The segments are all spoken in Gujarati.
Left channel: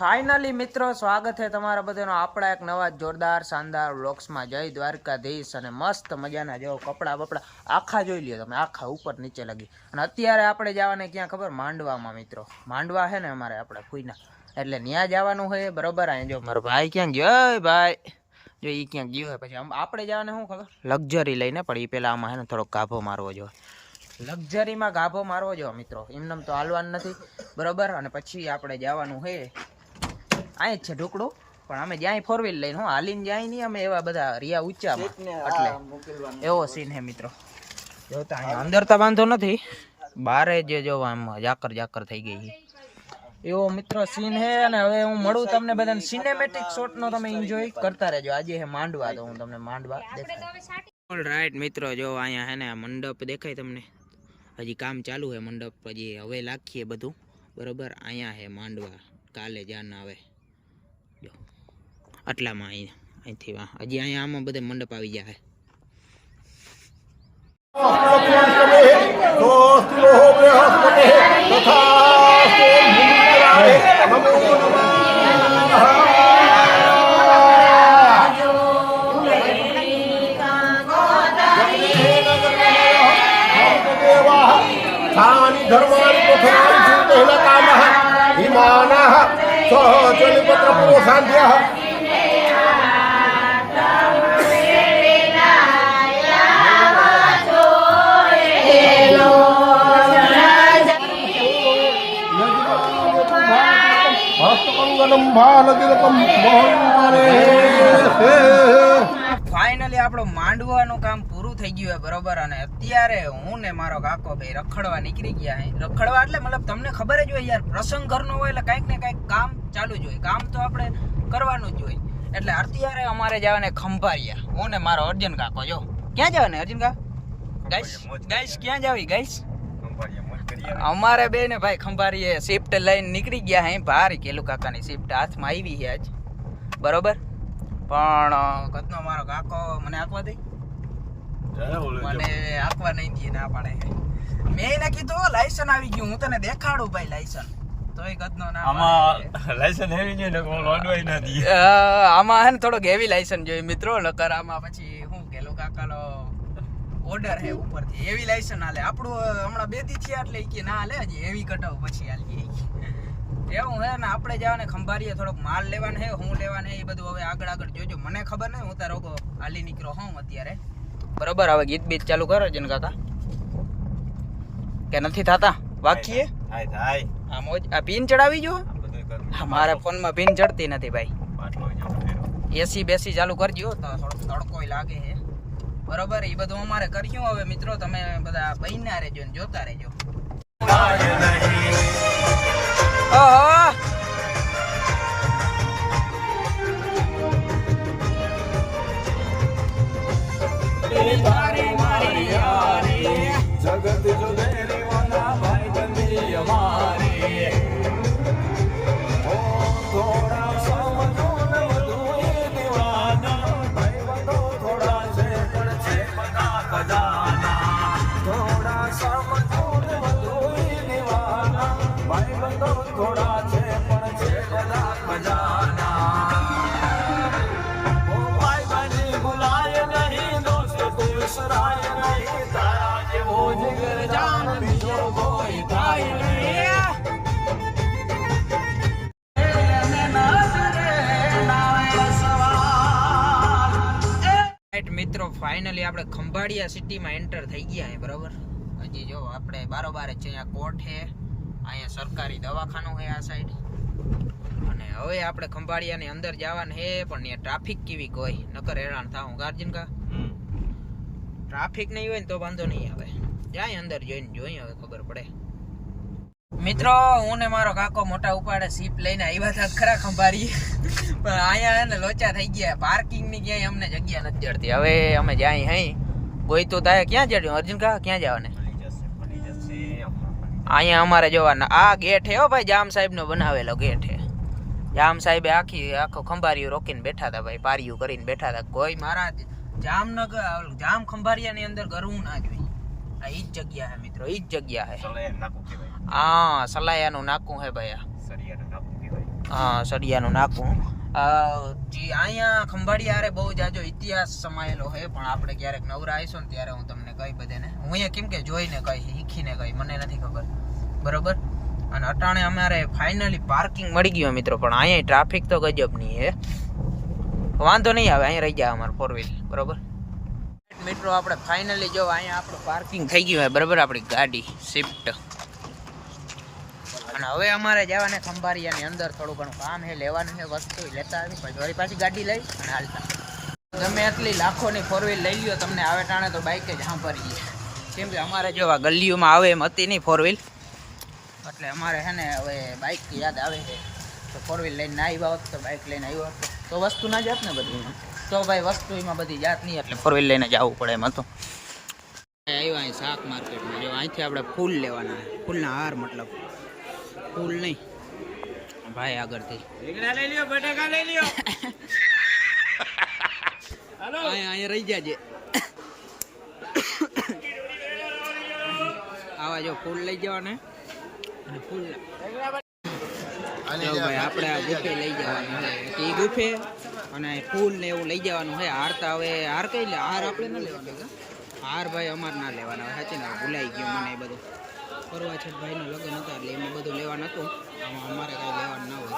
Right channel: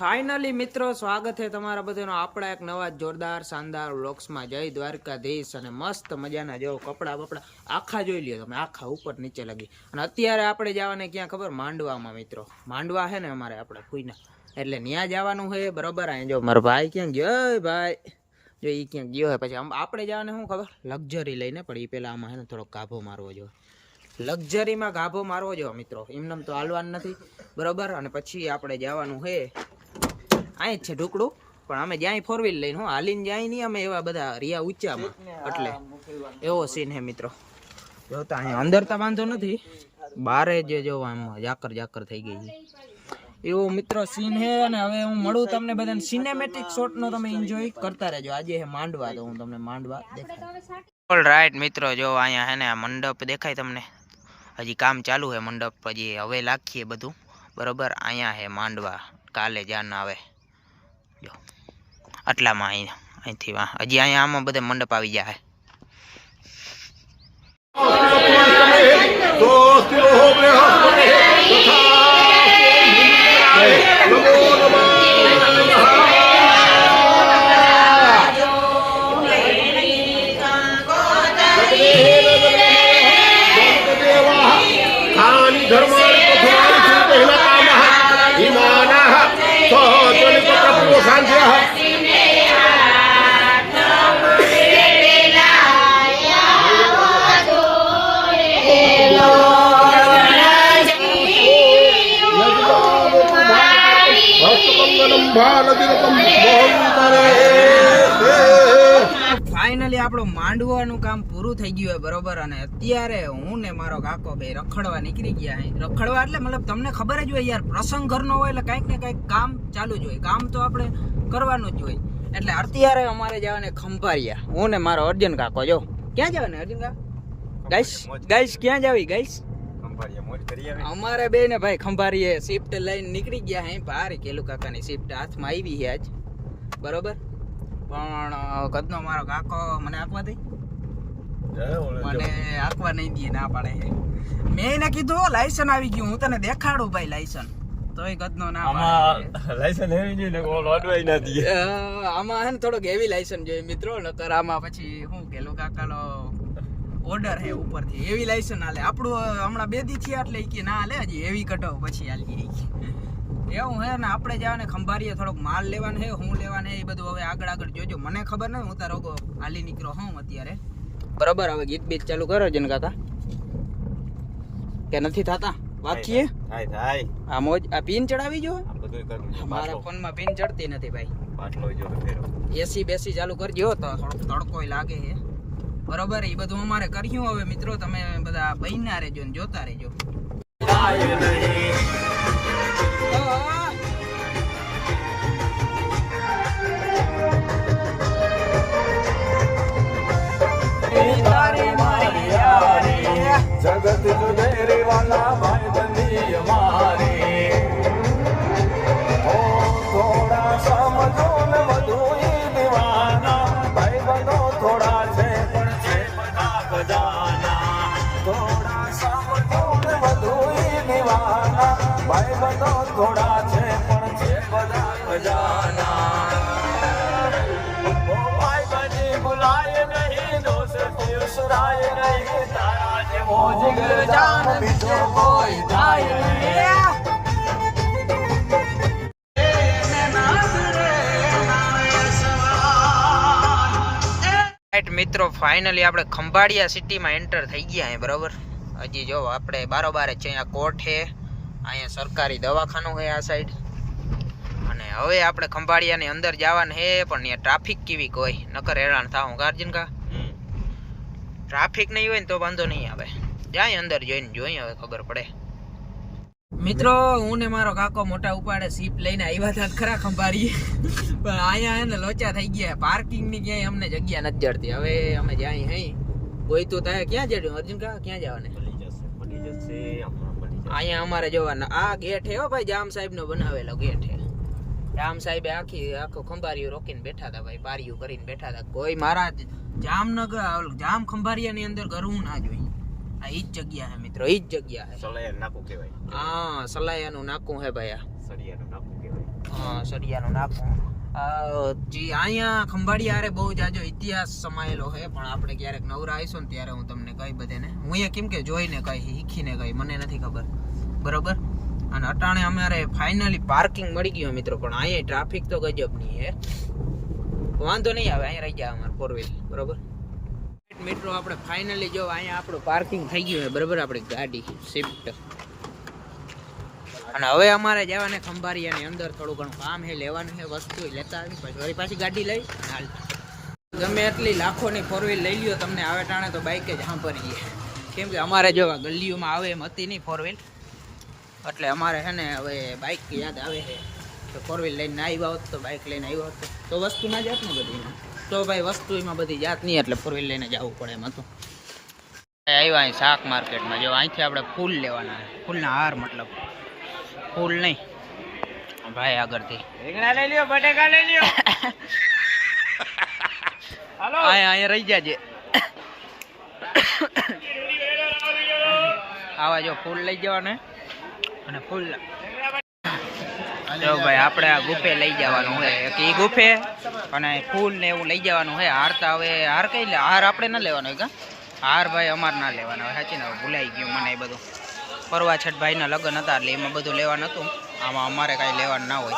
ફાઇનલી મિત્રો સ્વાગત છે તમારા બધાનો આપણા એક નવા જોરદાર શાનદાર વ્લોગ્સમાં. જય દ્વારકાધીશ. અને મસ્ત મજાના જો કપડા બપડા આખા જોઈ લ્યો તમે, આખા ઉપર નીચે લગી. અને અત્યારે આપણે જવાને ક્યાં ખબર? માંડવામાં મિત્રો. માંડવા છે ને અમારે આપણે ફૂઈના, એટલે ત્યાં જવાનું હોય બરોબર. અહીં જો મારો ભાઈ ક્યાં ગયો? ભાઈ જો એ ક્યાંક ગયો હોય. પછી આપણે જવાને શું ખબર? લક્ઝરી લઈને. પણ એ પેલા આમાં છે ને થોડોક ગાભો મારવો જોઈએ. લક્ઝરીમાં ગાભો મારવો જોઈએ મિત્રો, એમનેમ તો હાલવાનું નથી બરોબર. અને પછી આપણે જવાનું હે અહીં જ છે ઢુકડું, પણ અમે જ્યાં ફોર વ્હીલ લઈને હાલીને જાય નહીં અમે, એવા બધા રિયા ઊંચામાં, એટલે એવો સીન હે મિત્રો. જોતા અહીં અંદર તો વાંધો નથી, બારે જે જોવા આમ જાકર જાકર થઈ ગઈ છે એવો મિત્રો સીન હે. અને હવે હું મળું તમને બધાને સિનેમેટિક શોટનો, તમે એન્જોય કરતા રહેજો. આજે હે માંડવા, તો હું તમને માંડવા દેખાય. ઓલ રાઈટ મિત્રો, જો અહીંયા હે ને આ મંડપ દેખાય તમને, હજી કામ ચાલુ હે મંડપ, હજી હવે લાખીએ બધું બરોબર. અહીંયા હે માંડવા, કાલે જાન આવે જો આટલામાં. અહીંથી હજી અહીંયા આમાં બધે મંડપ આવી જાય. ફાઇનલી આપણું માંડવાનું કામ પૂરું થઈ ગયું હોય બરોબર. અને અત્યારે હું ને મારો કાકો બે રખડવા નીકળી ગયા. રખડવા એટલે મતલબ તમને ખબર જ હોય યાર, પ્રસંગ ઘરનો હોય એટલે કંઈક ને કંઈક કામ ચાલુ જ હોય, કામ તો આપણે કરવાનું જ હોય. એટલે અત્યારે અમારે જવાને ખંભાળિયા, હું ને મારો અર્જુન કાકો. જો ક્યાં જવાને અર્જુન કા? ગાઈસ ક્યાં જાવી ગાઈસ? અમારે બે ને ભાઈ ખંભાળીએ શિફ્ટ લઈને નીકળી ગયા હે. ભારી કેલુ કાકાની શિફ્ટ હાથમાં આવી છે આજ બરોબર. પણ કદનો મારો કાકો મને આંકવા દે, મને આંકવા નહીં દે, ના પાડે. મેં એને કીધું લાયસન્સ આવી ગયું, હું તને દેખાડું ભાઈ લાયસન્સ, તોય કદનો ના. આમાં લાયસન્સ હેવી નહીં ને લોડવાઈ ના દે. આમાં હે ને થોડોક હેવી લાયસન્સ જોઈએ મિત્રો, નકર આમાં પછી હું કેલુ કાકાનો ઓર્ડર હે ઉપરથી એવી લાયસન્સ હાલે. આપણું હમણાં 2 દી થયા એટલે કે ના હાલે, હજી એવી કઢાવ પછી હાલી એવું હે ને. આપણે જવાને ખંભાળીએ, થોડોક માલ લેવાનો હે, હું લેવાનો એ બધું હવે આગળ જોજો. મને ખબર નહીં, હું તારો હાલી નીકળ્યો હું અત્યારે બરોબર. હવે ગીત બીત ચાલુ કરો જન કાકા, કે નથી થતા વાકીએ? આ મોજ આ પિન ચડાવી જો, મારા ફોનમાં પિન ચડતી નથી ભાઈ. એસી બેસી ચાલુ કરજો તો થોડોક તડકો લાગે છે બરોબર. એ બધું અમારે કર્યું. હવે મિત્રો તમે બધા બહીના રહેજો ને જોતા રહેજો. જગત જુદેરે વાલા ભાઈ બની અમારે, થોડા સમજો ને વધુ દીવાના, ભાઈ બંધો થોડા છે પણ છે બધા ખજાના. થોડા સમજો ને વધુ દીવાના, ભાઈ બંધો થોડા છે પણ છે બધા ખજાના. ઓ ભાઈ બની ભુલાય નહીં, દોસ્ત સુરાય નહીં, તારા જેવો જીગર જાન બીજો કોઈ થાય નહીં. મિત્રો ફાઇનલી આપણે ખંભાળિયા સિટીમાં એન્ટર થઈ ગયા હે બરોબર. હજી જો આપણે બારોબાર છે, અહીંયા કોર્ટ છે, અહીંયા સરકારી દવાખાનું છે આ સાઈડ. અને હવે આપણે ખંભાળિયાની અંદર જવાનું છે, પણ ત્યાં ટ્રાફિક કેવી કોઈ નકર હેરાન થાવું ગાર્જન કા. ટ્રાફિક નહીં હોય ને તો વાંધો નહીં આવે, જાય અંદર જોઈને જોઈએ હવે ખબર પડે. મિત્રો હું ને મારો કાકો મોટા ઉપાડે સીપ લઈને આવ્યા હતા ખરા ખંભાળીએ, પણ અહીંયા હે ને લોચા થઈ ગયા. પાર્કિંગ ની ક્યાંય અમને જગ્યા નથી જડતી. હવે અમે જાય હઈ ગોઈતું થાય. ક્યાં જડ્યું અર્જુન કા? ક્યાં જવાને? અહીંયા અમારે જોવાના આ ગેટ હે હો ભાઈ, જામ સાહેબ નો બનાવેલો ગેટ હે. જામ સાહેબે આખો ખંભારિયું રોકીને બેઠા હતા ભાઈ, પારિયું કરીને બેઠા હતા. કોઈ મારા જામનગર જામ ખંભારિયા ની અંદર ગરવું ના જોઈએ. આ ઈ જ જગ્યા હે મિત્રો, ઈ જ જગ્યા હે. સલાયા નાકું કહેવાય. હા, સલાયાનું નાકું હે ભાઈ આ. સરિયાનું નાકું કહેવાય. હા, સરિયાનું નાકું. અહીંયા ખંભાળિયા હારે બહુ જાજો ઇતિહાસ સમાયેલો છે, પણ આપણે ક્યારેક નવરા આવીશું ને ત્યારે હું તમને કહી બધાને. હું અહીંયા કેમ કે જોઈને કહી, શીખીને કહી, મને નથી ખબર બરોબર. અને અટાણે અમારે ફાઇનલી પાર્કિંગ મળી ગયું મિત્રો, પણ અહીંયા ટ્રાફિક તો ગજબની છે. વાંધો નહીં આવે, અહીંયા રહી જાય અમારે 4 વ્હીલ બરોબર. મિત્રો આપણે ફાઇનલી જો અહીંયા આપણું પાર્કિંગ થઈ ગયું હોય બરોબર, આપણી ગાડી સ્વિફ્ટ. અને હવે અમારે જવાને ખંભારિયાની અંદર થોડું ઘણું કામ છે, લેવાનું છે વસ્તુ, લેતા આવી પછી વળી પાછી ગાડી લઈ અને હાલતા. ગમે એટલી લાખોની 4 વ્હીલ લઈ લ્યો, તમને આવે ટાણે તો બાઇક જ સાંભળીએ. કેમ કે અમારે જો આ ગલીઓમાં આવે એમ હતી નહીં 4 વ્હીલ, એટલે અમારે છે ને હવે બાઇક યાદ આવે છે. તો 4 વ્હીલ લઈને આવ્યા હોત તો, બાઇક લઈને આવ્યો હોત તો વસ્તુ ના જાત ને બધી એમાં. તો ભાઈ વસ્તુ એમાં બધી જાત નહીં, એટલે 4 વ્હીલ લઈને જવું પડે એમ હતું. આવ્યા અહીં શાક માર્કેટમાં, જો અહીંથી આપણે ફૂલ લેવાના, ફૂલના હાર મતલબ, ફૂલ નહીં ભાઈ. આગળથી રીંગણા લઈ લ્યો, બટેકા લઈ લ્યો. હાલો અહીંયા રહી જાજે. આવા જો ફૂલ લઈ જવાના અને ફૂલ જો ભાઈ આપણે આ ગુફે લઈ જવાનું હોય, એ ગુફે અને ફૂલ ને એવું લઈ જવાનું હોય. હાર તો હવે હાર કઈ લે, હાર આપણે ના લેવાનો હોય કા, હાર ભાઈ અમારે ના લેવાના હોય. સાચી ને ભૂલાઈ ગયું મને એ બધું. પરવા છઠ ભાઈના લગ્ન હતા એટલે એમાં બધું લેવાનું હતું, આમાં અમારે કાંઈ લેવાનું ના હોય.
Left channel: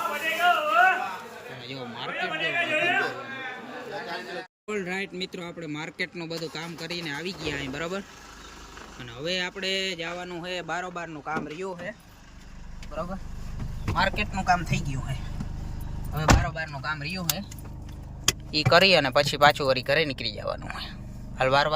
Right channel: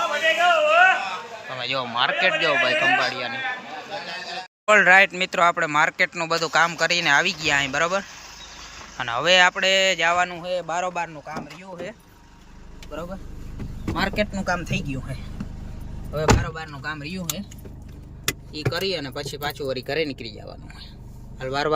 તમે જો માર્કેટ જો ભાઈ ખંભાળિયાની. ઓલ રાઈટ મિત્રો, આપણે માર્કેટનું બધું કામ કરીને આવી ગયા અહીં બરાબર. અને હવે આપણે જવાનું છે બારોબારનું કામ રહ્યું છે બરાબર. માર્કેટનું કામ થઈ ગયું છે, હવે બારોબારનું કામ રહ્યું છે એ કરી અને પછી પાછું વળી ઘરે નીકળી જવાનું હોય. હાલ વાર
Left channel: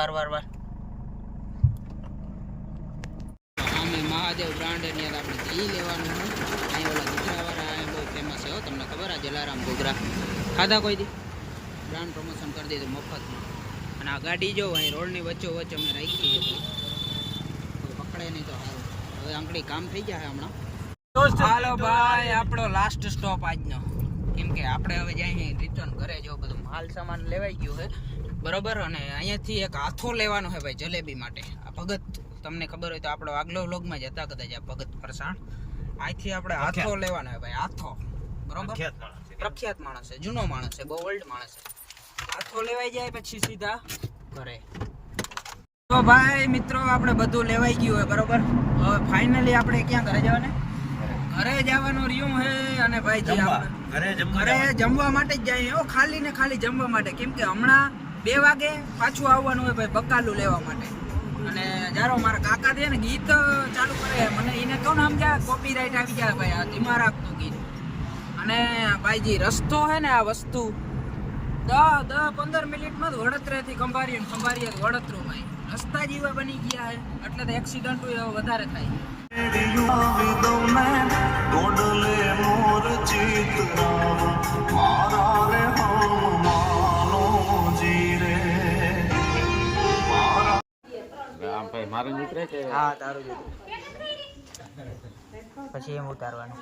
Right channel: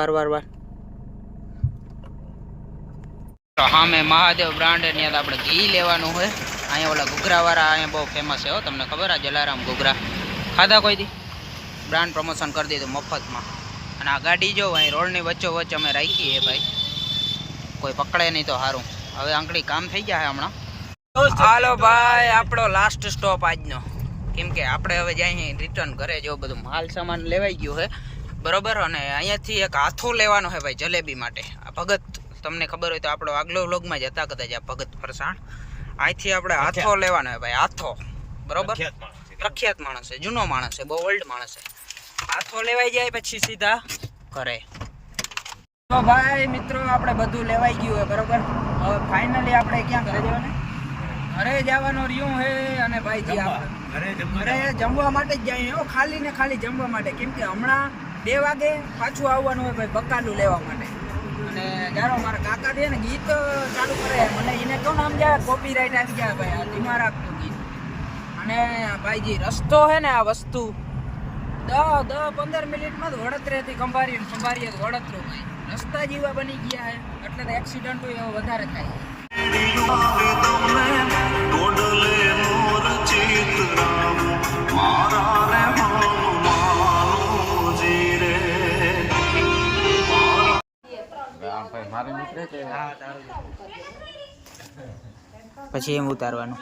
હા, મેં મહાદેવ બ્રાન્ડ ત્યાં આપણે ઘી લેવાનું હોય. અહીંયા ઓલા ઘૂઘરાવાળા અહીંયા બહુ ફેમસ છે હો, તમને ખબર આ જલારામ ઘૂઘરા ખાધા કોઈ દી? બ્રાન્ડ પ્રમોશન કરી દીધું મફતમાં. અને આ ગાડી જો અહીં રોડની વચ્ચોવચ્ચ અમે રાખી છે ભાઈ, કોઈ પકડે નહીં તો સારું. હવે આંકડી કામ થઈ ગયા છે હમણાં. હાલો ભાઈ, આપણો લાસ્ટ સ્ટોપ આજનો, કેમ કે આપણે હવે જાય રિટર્ન ઘરે. જો બધું માલ સામાન લેવાઈ ગયું છે બરોબર. અને અહીંયાથી એક હાથો લેવાનો છે ભાઈ જલેબી માટે. આ ભગત, તમને ખબર હોય તો આપણો આગલો વ્લોગમાં જ હતા કદાચ, આ ભગત ફરસાણ. અહીંથી આપણે હાથો લેવાનો હોય ભાઈ, હાથો બરોબર. પ્રખ્યાત માણસ છે, જૂનો માણસ છે, બહુ ઓલ્ડ માણસ છે. હાથો લેવાઈ જાય પછી સીધા ઘરે. તો ભાઈ મિત્રો આપણે બધું લેવાઈ ગયું હોય બરોબર. હવે ફાઇનલી આપણે ક્યાં ઘરે જવાને? ઘરે જવાનું રહ્યું હે. અને ભાઈજી આપણે ઘરે જમવા માટે જ જાય, ખાલી ને ખાલી જમવા માટે. કેમ કે હમણાં 2 વાગે પાછું આવવાનું હોય ભાઈ બકાલું લેવા માટે. અને જારો મારા કાકા છે ને ગીત ચાલુ કરે, મને એને તો નામ જાય કોપીરાઇટ આવી જાય ભાઈ, આ ધીમા રાખતું ગીત. અને ભાઈજી રસ્તો હે ને, આ વસ્તુ 10-15 મિનિટમાં જ વડોદરાથી ખંભાળિયા વડોદરો ભાઈ રસ્તા જેવા બની ગયા હે, એટલે તો એક્સિડન્ટો વધારે થાય. પછી એમ ઉતારવાનું.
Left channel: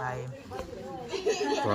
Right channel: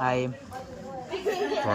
હા એમ તો